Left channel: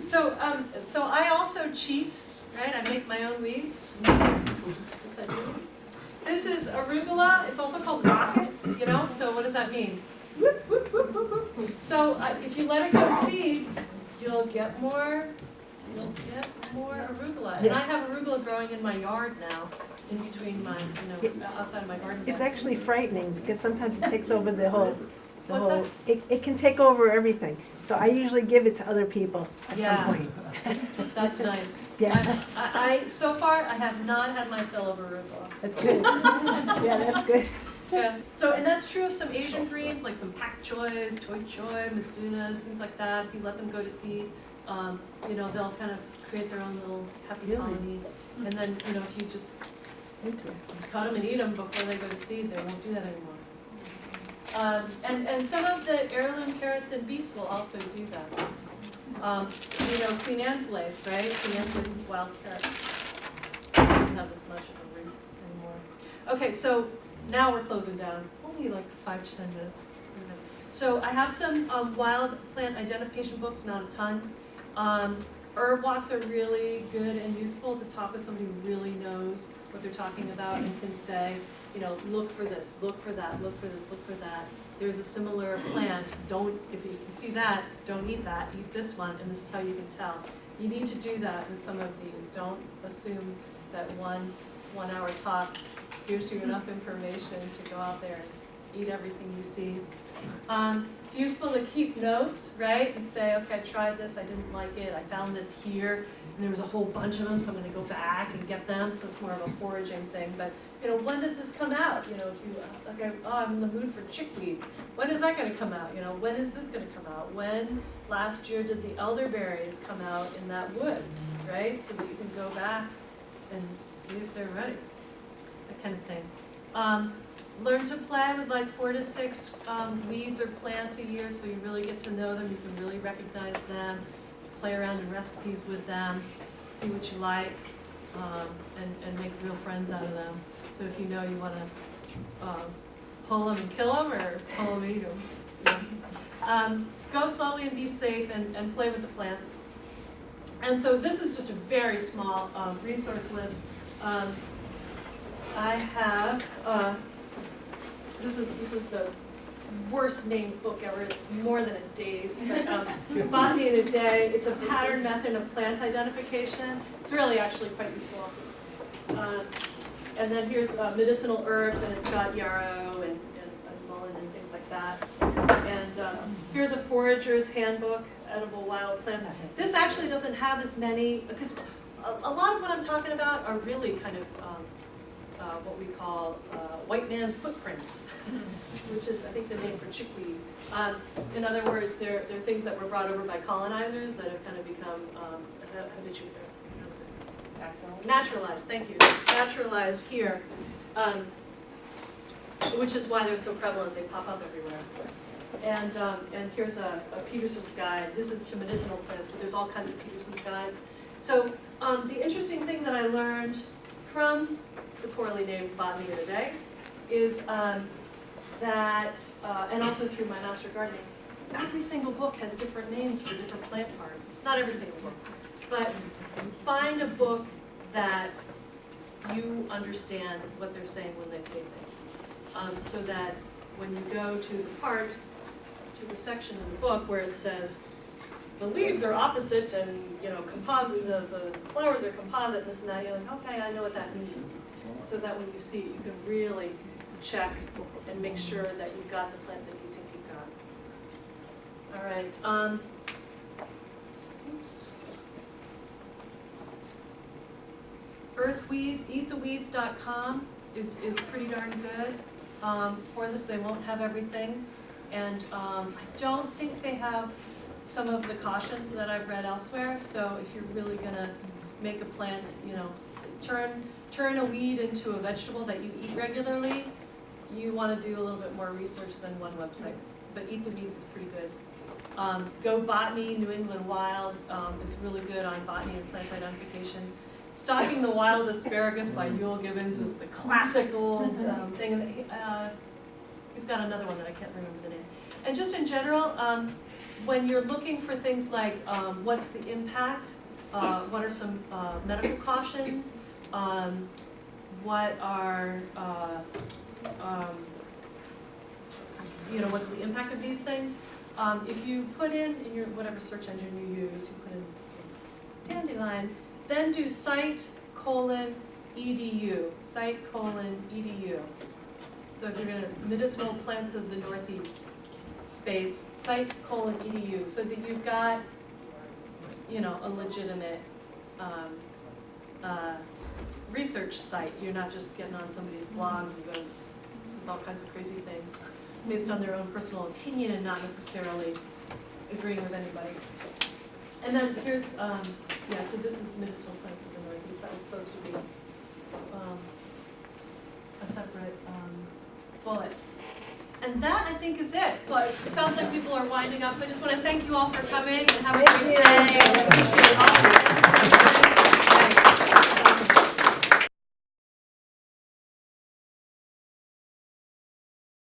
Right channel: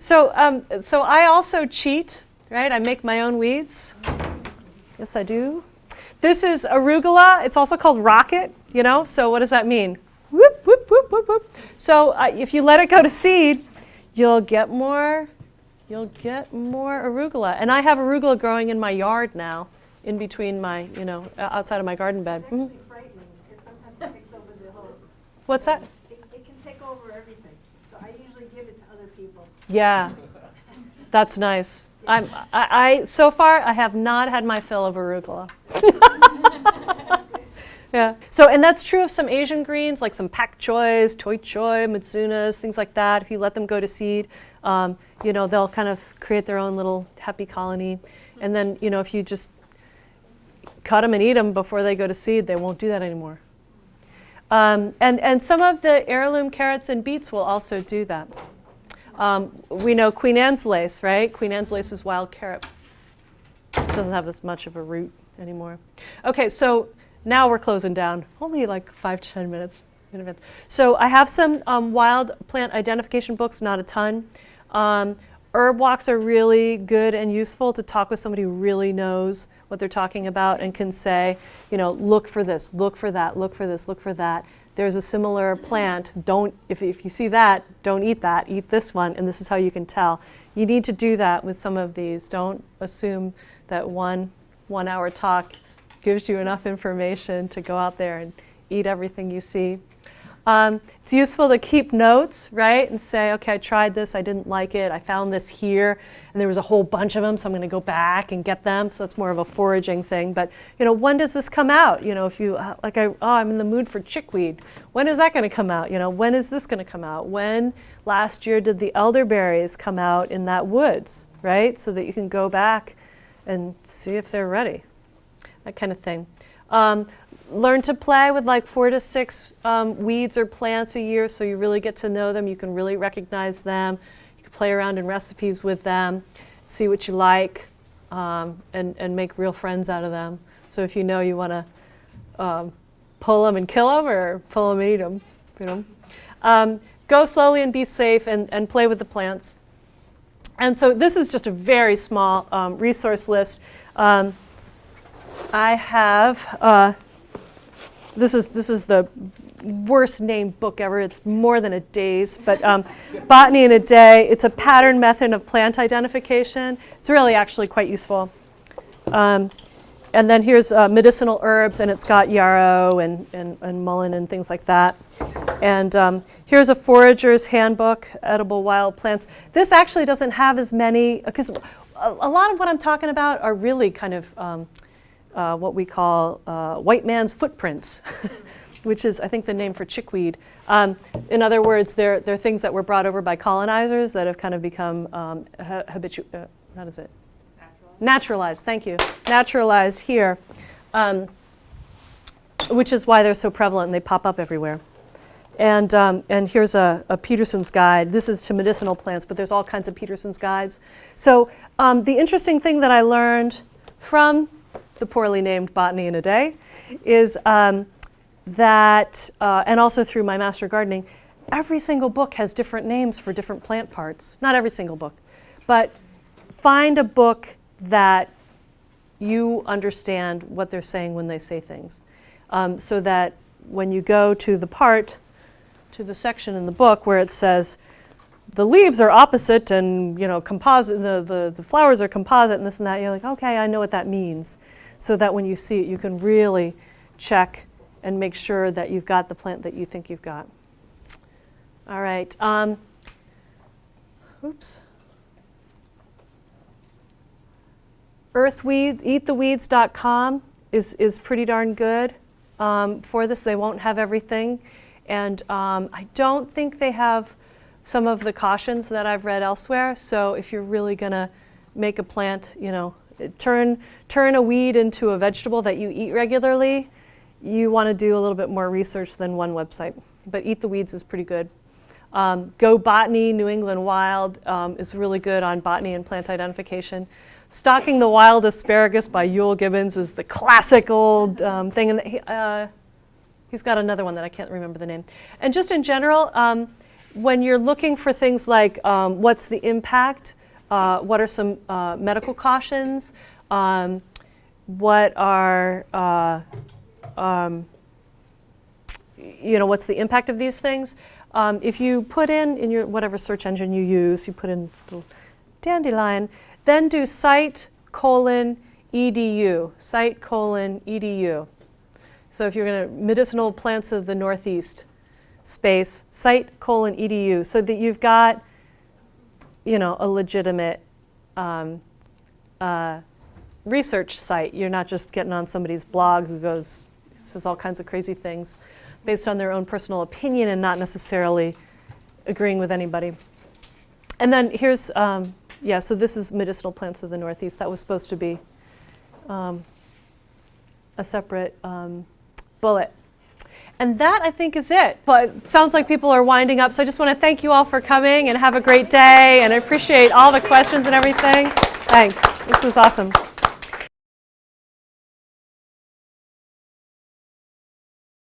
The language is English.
So I also cheat, right? I make my own weeds. Yes, I do. This is arugula. It's also called rocket, you know? So what does that mean? Whoop, whoop, whoop, whoop, whoop. So if you let it go to seed, you'll get more arugula. And I have arugula growing in my yard now, in between my, outside of my garden bed. It's actually frightening because sometimes it takes over the whole. What's that? It can take over everything. So I usually give it to other people. Yeah, that's nice. Yeah. So far, I have not had my fill of arugula. That's good. Yeah, that's good. Yeah. So, and that's true of some Asian greens, like some pak choys, toi choy, mitsunas, things like that. If you let them go to seed, they'll kind of create their own little happy colony. And then, if you just cut them and eat them before they go to seed, they won't do that anymore. And some of the heirloom carrots and beets will also do that. We know Queen Anne's lace, right? Queen Anne's lace is wild carrot. It doesn't have as much of a root anymore. Okay, so now we're closing down. Only like 5 to 10 minutes. So I have some wild plant identification books, not a ton. Herb walks are really good and useful to talk with somebody who really knows what they're talking about and can say, look for this, look for that, look for this, look for that. There's a similar plant. If you see that, don't eat that. Eat this one, and this is how you can tell. You need to do that with some of these. Don't assume that one hour talk gives you enough information to go out there and eat everything you see. It's useful to keep notes, right? And say, okay, I tried this, I didn't like it, I found this here, and there was a whole bunch of them, so I'm going to go back and get them. So it's more of a foraging thing. But, when does this come out? If you, I'm in the mood for chickweed. When is that going to come out? When is this going to come out? When last year did the elderberries come out in that woods, right? So that you can go back and see if they're ready. That kind of thing. Learn to play with like 4 to 6 weeds or plants a year so you really get to know them. You can really recognize them. You can play around in recipes with them, see what you like, and make real friends out of them. So if you want to pull them and kill them or pull them and eat them. Go slowly and be safe and play with the plants. And so this is just a very small resource list. I have... This is the worst named book ever. It's more than a day's, but Botany in a Day. It's a pattern method of plant identification. It's really actually quite useful. And then here's medicinal herbs, and it's got yarrow and mullein and things like that. And here's a forager's handbook, edible wild plants. This actually doesn't have as many, because a lot of what I'm talking about are really kind of what we call white man's footprints, which is, I think, the name for chickweed. In other words, they're things that were brought over by colonizers that have kind of become naturalized. Thank you. Naturalized here, which is why they're so prevalent and they pop up everywhere. And here's a Peterson's guide. This is to medicinal plants, but there's all kinds of Peterson's guides. So the interesting thing that I learned from the poorly named Botany in a Day is that, and also through my master gardening, every single book has different names for different plant parts. Not every single book, but find a book that you understand what they're saying when they say things, so that when you go to the section in the book where it says the leaves are opposite and composite, the flowers are composite and this and that, you're like, okay, I know what that means. So that when you see it, you can really check and make sure that you've got the plant that you think you've got. All right. Earthweeds, eattheweeds.com is pretty darn good for this. They won't have everything. And I don't think they have some of the cautions that I've read elsewhere. So if you're really going to make a plant, turn a weed into a vegetable that you eat regularly, you want to do a little bit more research than one website. But Eat the Weeds is pretty good. Go Botany, New England Wild is really good on botany and plant identification. Stalking the Wild Asparagus by Yule Gibbons is the classic old thing. And he's got another one that I can't remember the name. And just in general, when you're looking for things like what's the impact, what are some medical cautions, what are, what's the impact of these things? If you put in your whatever search engine you use, you put in this little dandelion, then do site:/edu, site:/edu. So if you're going to medicinal plants of the Northeast, space, site:/edu, so that you've got, a legitimate research site. You're not just getting on somebody's blog who says all kinds of crazy things based on their own personal opinion and not necessarily agreeing with anybody. And then here's, so this is medicinal plants of the Northeast. That was supposed to be a separate bullet. And that, I think, is it. But it sounds like people are winding up, so I just want to thank you all for coming and have a great day, and I appreciate all the questions and everything. Thanks. This was awesome.